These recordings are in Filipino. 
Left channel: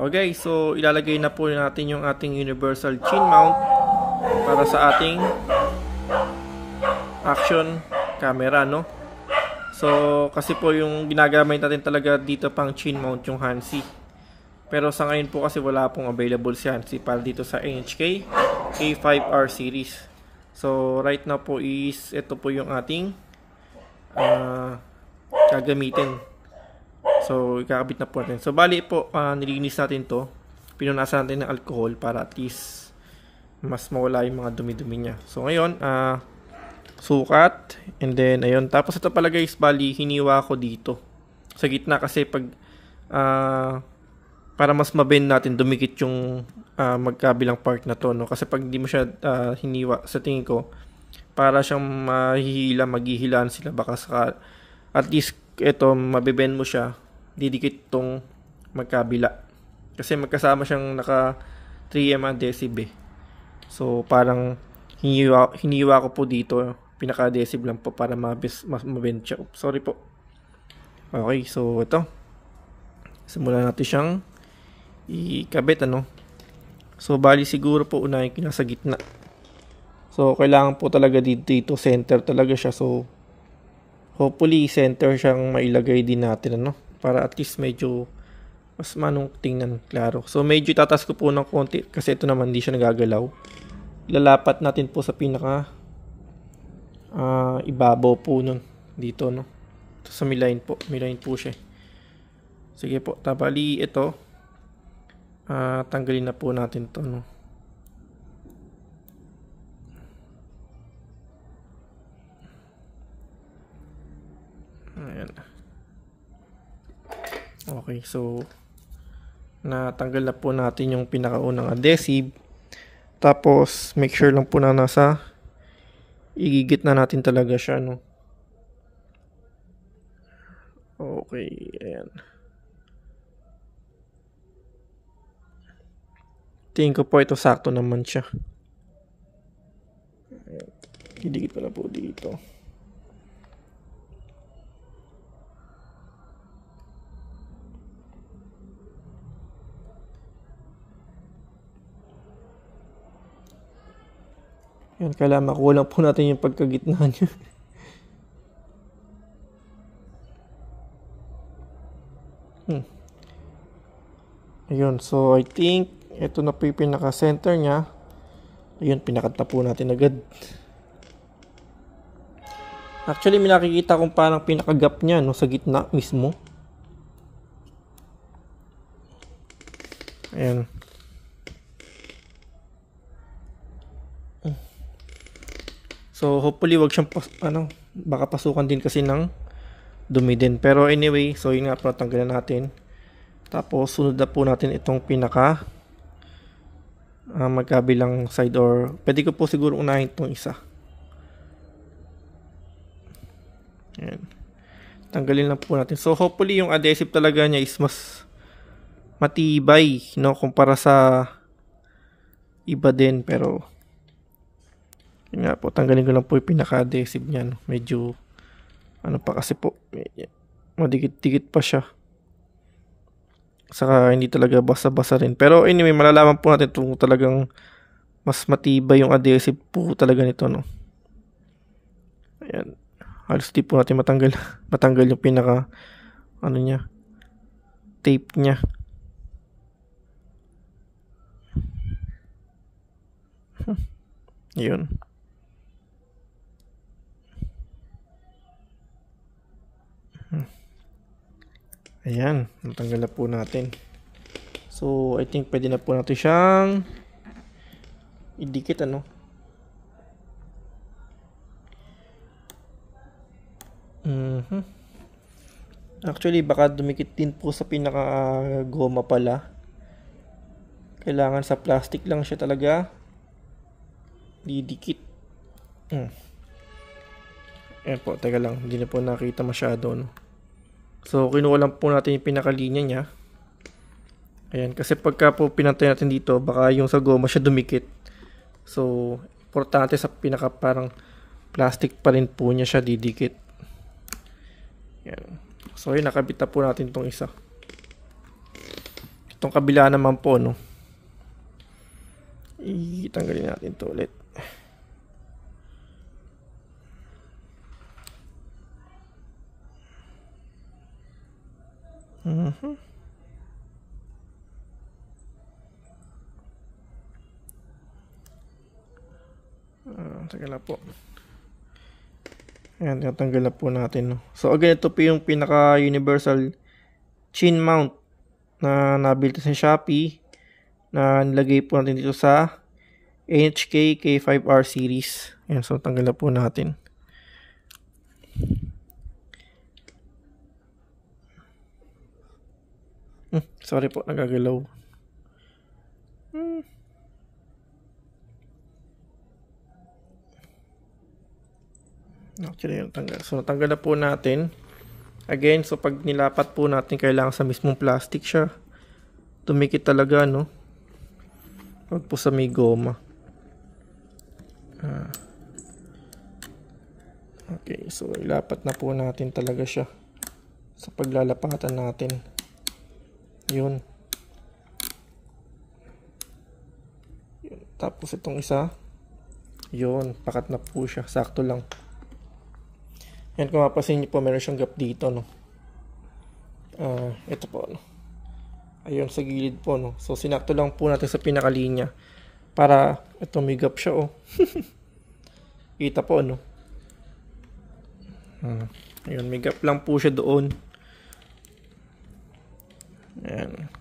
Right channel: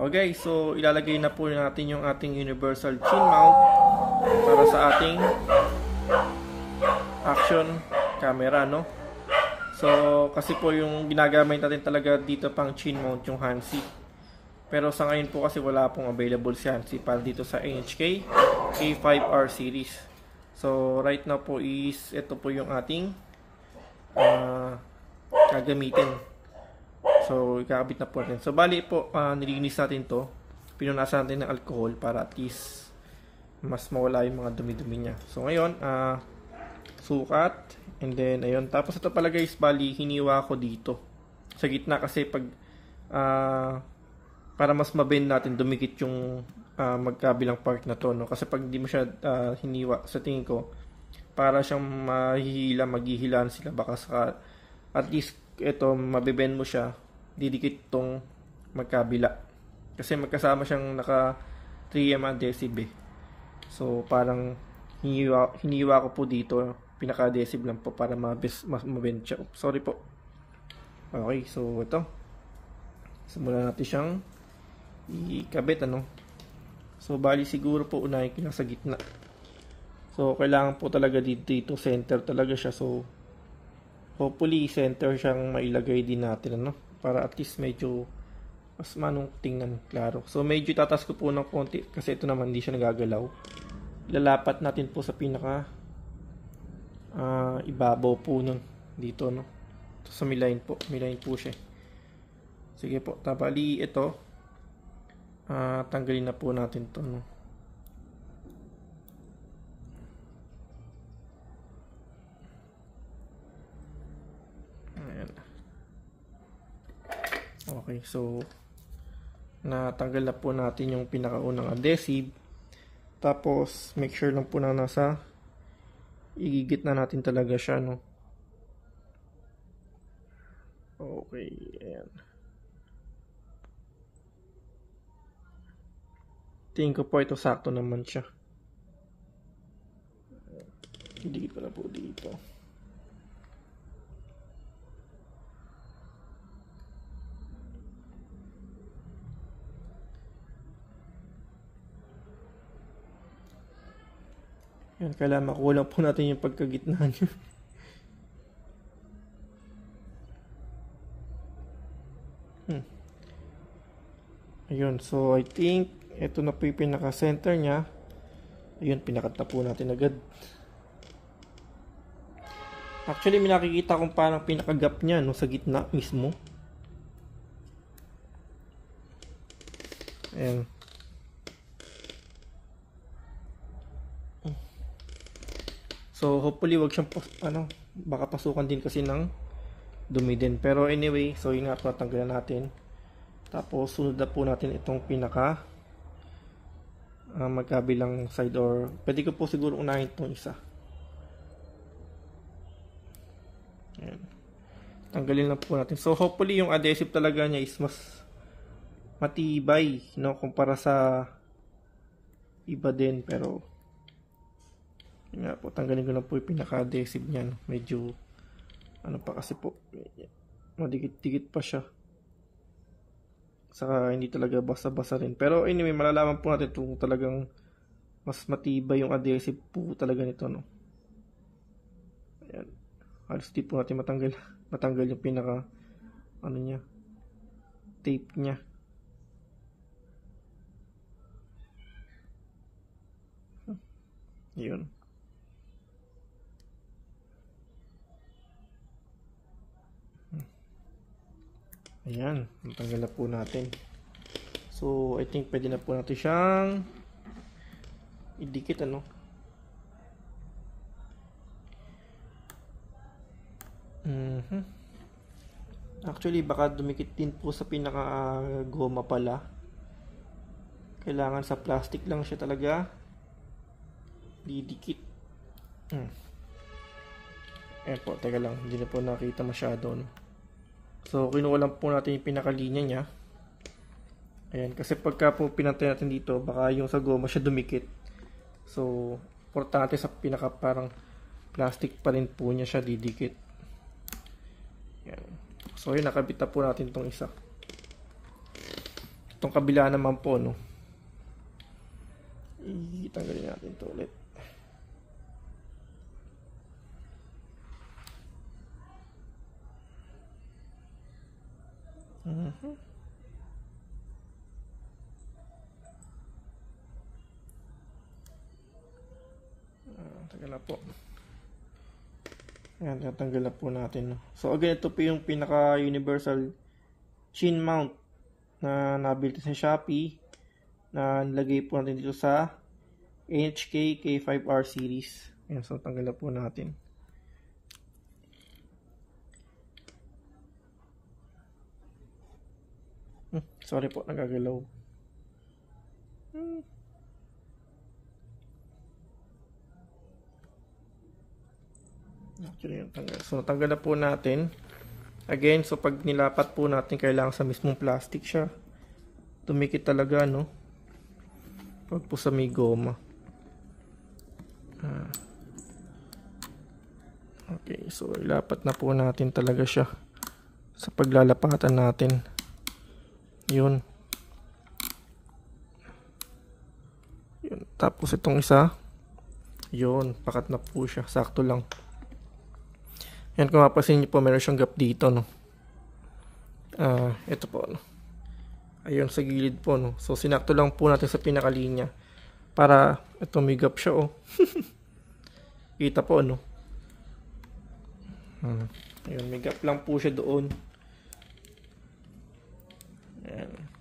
Okay, so ilalagay na po natin yung ating universal chin mount para sa ating action camera, no? So, kasi po yung ginagamit natin talaga dito pang chin mount yung Hansi. Pero sa ngayon po kasi wala pong available si Hansi para dito sa NHK K5R series. So, right now po is ito po yung ating gagamitin. So, ikakabit na po natin. So, bali po, nilinis natin to. Pinunasan natin ng alcohol para at least mas mawala yung mga dumi-dumi niya. So, ngayon, sukat. And then, ayun. Tapos, ito pala guys, bali, hiniwa ko dito. Sa gitna kasi pag, para mas mabend natin, dumikit yung magkabilang part na to. No? Kasi pag hindi mo siya hiniwa, sa tingin ko, para siyang maghihilaan sila. Baka sa, at least, ito, mabibend mo siya, didikit tong magkabila. Kasi magkasama siyang naka 3M adhesive eh. So, parang hiniwa ko po dito. Pinaka-adhesive lang po para mabend siya. Oops, sorry po. Okay, so ito. Simulan natin siyang ikabit, ano. So, bali siguro po unahin ko na sa gitna. So, kailangan po talaga dito center talaga siya. So, hopefully, center siyang mailagay din natin, ano. Para at least medyo mas manong tingnan klaro. So, medyo itatas ko po ng konti kasi ito naman hindi siya nagagalaw. Lalapat natin po sa pinaka ibabaw po nun dito, no. Ito sa miline po. Miline po siya. Sige po. Tabali ito. Tanggalin na po natin to, no. Ayan. Okay, so natanggal na po natin yung pinakaunang adhesive. Tapos make sure lang po na nasa igigit na natin talaga siya, no. Okay, ayan. Tingin ko po ito sakto naman siya. Idikit ko na po dito. Yan, kailangan makuha lang po natin yung pagkagitna niya. Ayun, so I think ito na po yung pinaka-center niya. Ayun, pinakat na po natin agad. Actually, may nakikita kong parang pinaka-gap niya, no, sa gitna mismo. Ayan. So, hopefully, wag siyang, baka pasukan din kasi ng dumi din. Pero anyway, so yun nga po, natanggalan natin. Tapos, sunod na po natin itong pinaka magkabilang side, or pwede ko po siguro unahin itong isa. Ayan. Tanggalin lang po natin. So, hopefully, yung adhesive talaga niya is mas matibay, no, kumpara sa iba din. Pero, yun nga po, tanggalin ko lang po yung pinaka-adhesive niya, no. Medyo, ano pa kasi po, madikit-dikit pa siya. Saka hindi talaga basa-basa rin. Pero anyway, malalaman po natin kung talagang mas matibay yung adhesive po talaga nito, no. Ayan. Halos di po natin matanggal yung pinaka, ano niya, tape niya. Yun. Ayan, natanggal na po natin. So, I think pwede na po natin siyang idikit, ano. Actually, baka dumikit din po sa pinaka goma pala. Kailangan sa plastic lang siya talaga didikit. Ayan po, teka lang, hindi na po nakita masyado, no. So, kinuha lang po natin yung pinakalinya niya. Ayan, kasi pagka po pinantay natin dito, baka yung sa goma siya dumikit. So, importante sa pinaka parang plastic pa rin po niya siya didikit. Ayan. So, yun, nakabit na po natin itong isa. Itong kabila naman po, no. Itanggalin natin ito ulit. Teka lang po. Ayan, natanggal na po natin. No? So, again, ito po yung pinaka-universal chin mount na nabuild sa Shopee na nilagay po natin dito sa NHK K5R series. Ayan, so tanggal na po natin. Sorry po, nagagalaw. Actually, yung tanggal. So, tanggal na po natin. Again, so pag nilapat po natin, kailangan sa mismong plastic siya. Tumikit talaga, no? Pag po sa may goma. Okay, so ilapat na po natin talaga siya sa paglalapatan natin. Yun. Tapos itong isa, yun, pakat na po siya. Sakto lang. Yan, kung mapasin niyo po, meron siyang gap dito, no. Ito po, no. Ayun, sa gilid po, no. So, sinakto lang po natin sa pinakalinya. Para, ito, may gap siya, oh. Kita po, no. Ayun, may gap lang po siya doon. Ayan.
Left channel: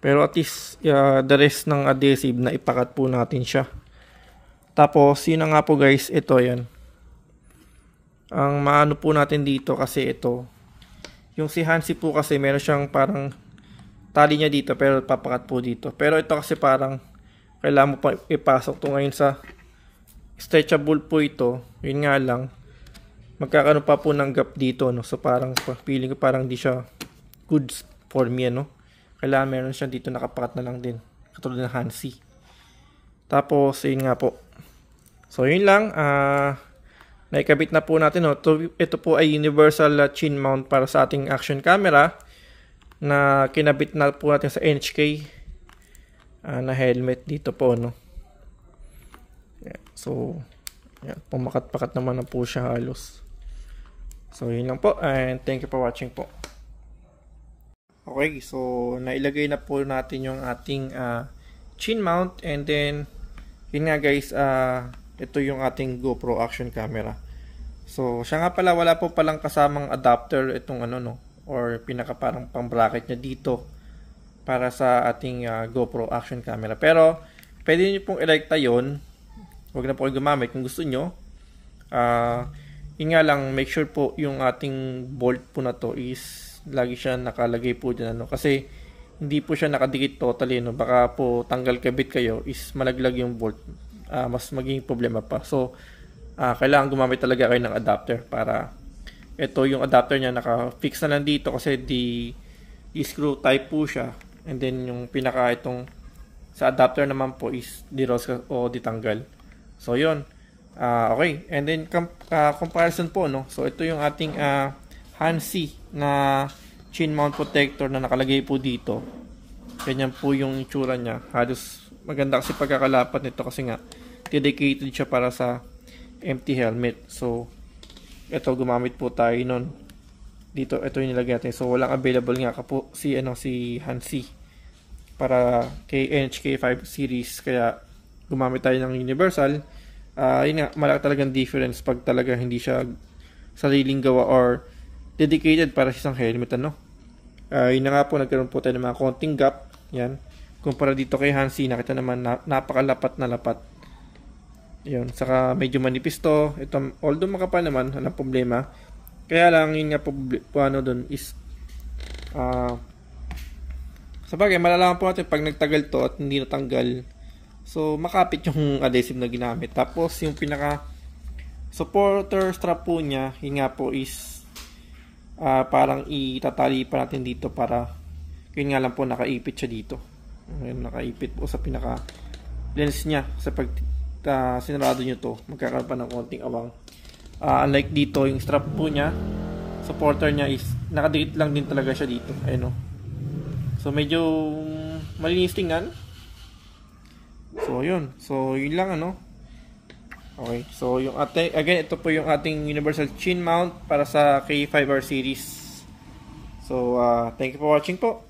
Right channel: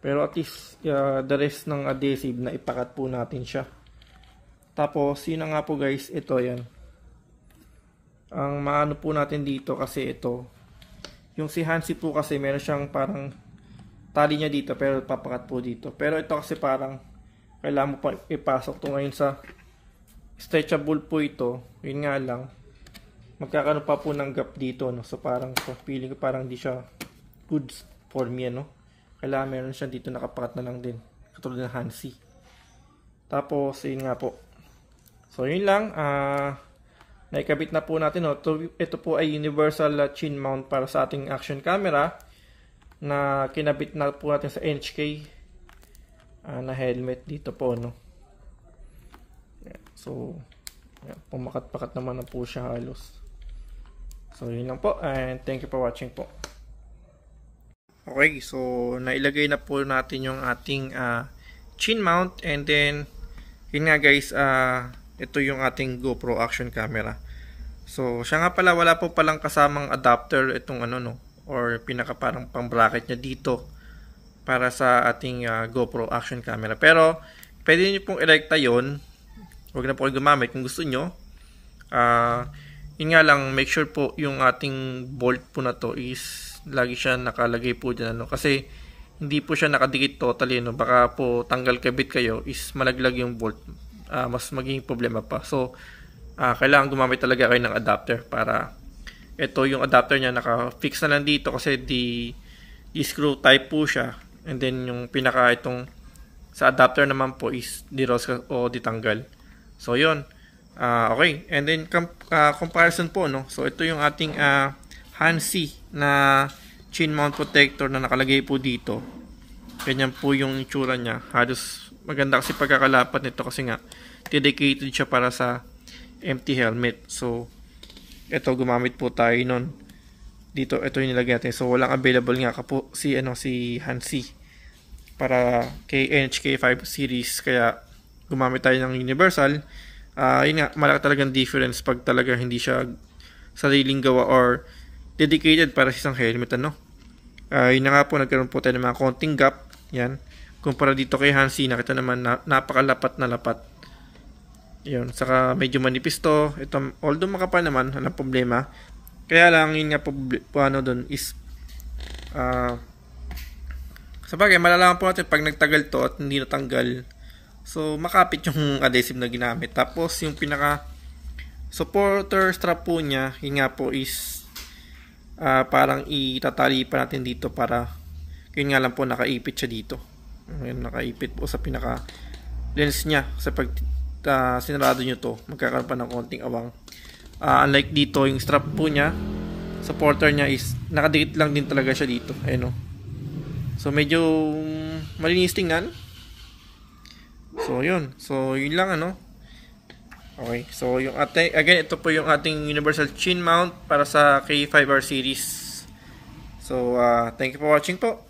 Pero at least, the rest ng adhesive na ipakat po natin siya. Tapos, yun na nga po guys, ito, yan. Ang maano po natin dito kasi ito, yung si Hansi po kasi meron siyang parang tali niya dito pero papakat po dito. Pero ito kasi parang kailangan mo pa ipasok to ngayon sa stretchable po ito. Yun nga lang, magkakaroon pa po ng gap dito, no? So parang feeling ko parang di siya good for me, no? Kailangan meron siya dito nakapakat na lang din, katulad ng Hansi. Tapos yun nga po. So yun lang, naikabit na po natin, no? Ito po ay universal chin mount para sa ating action camera na kinabit na po natin sa NHK na helmet dito po, no? Yeah. So yeah, pumakat-pakat naman na po siya halos. So yun lang po, and thank you for watching po. Okay, so nailagay na po natin yung ating chin mount, and then yun nga guys, ito yung ating GoPro action camera. So, siya nga pala, wala po palang kasamang adapter itong ano, no, or pinaka parang pang bracket niya dito para sa ating GoPro action camera. Pero, pwede niyo pong irekta yun. Huwag na po kayo gumamit kung gusto nyo. Yun nga lang, make sure po yung ating bolt po na to is lagi siya nakalagay po dyan, ano, kasi hindi po siya nakadikit totally, no. Baka po tanggal kabit kayo is malaglag yung bolt. Mas maging problema pa. So, kailangan gumamit talaga kayo ng adapter para ito yung adapter niya naka-fix na lang dito kasi di screw type po siya, and then yung pinaka itong sa adapter naman po is di-rose o ditanggal. So, yun. Okay. And then, comparison po, no? So, ito yung ating Hansi na chin mount protector na nakalagay po dito. Ganyan po yung itsura niya. Halos maganda kasi pagkakalapat nito kasi nga dedicated siya para sa empty helmet. So ito, gumamit po tayo nun dito. Ito yung nilagay natin. So walang available nga po si Hansi para kay NHK5 series, kaya gumamit tayo ng universal. Yun nga, malaki talagang difference pag talaga hindi siya sariling gawa or dedicated para sa isang helmet, ano. Yun na nga po, nagkaroon po tayo ng mga konting gap. Yan. Kumpara dito kay Hansi, nakita naman napakalapat na lapat. Yun, saka medyo manipis to. Ito, although makapal naman, walang problema. Kaya lang, yun nga po ano dun is sabagay, malalaman po natin pag nagtagal to at hindi natanggal. So, makapit yung adhesive na ginamit. Tapos, yung pinaka supporter strap po niya, yun nga po is parang itatali pa natin dito para yun nga lang po, nakaipit siya dito. Nakaipit po sa pinaka lens niya. Sa pag sinarado nyo to, magkakaroon pa ng konting awang. Unlike dito, yung strap po niya, supporter niya is nakadikit lang din talaga siya dito. Ayun, no? So So medyo malinis tingnan. So yun. So yun lang ano. Okay. So yung ating, again, ito po yung ating universal chin mount para sa K5R series. So thank you for watching po.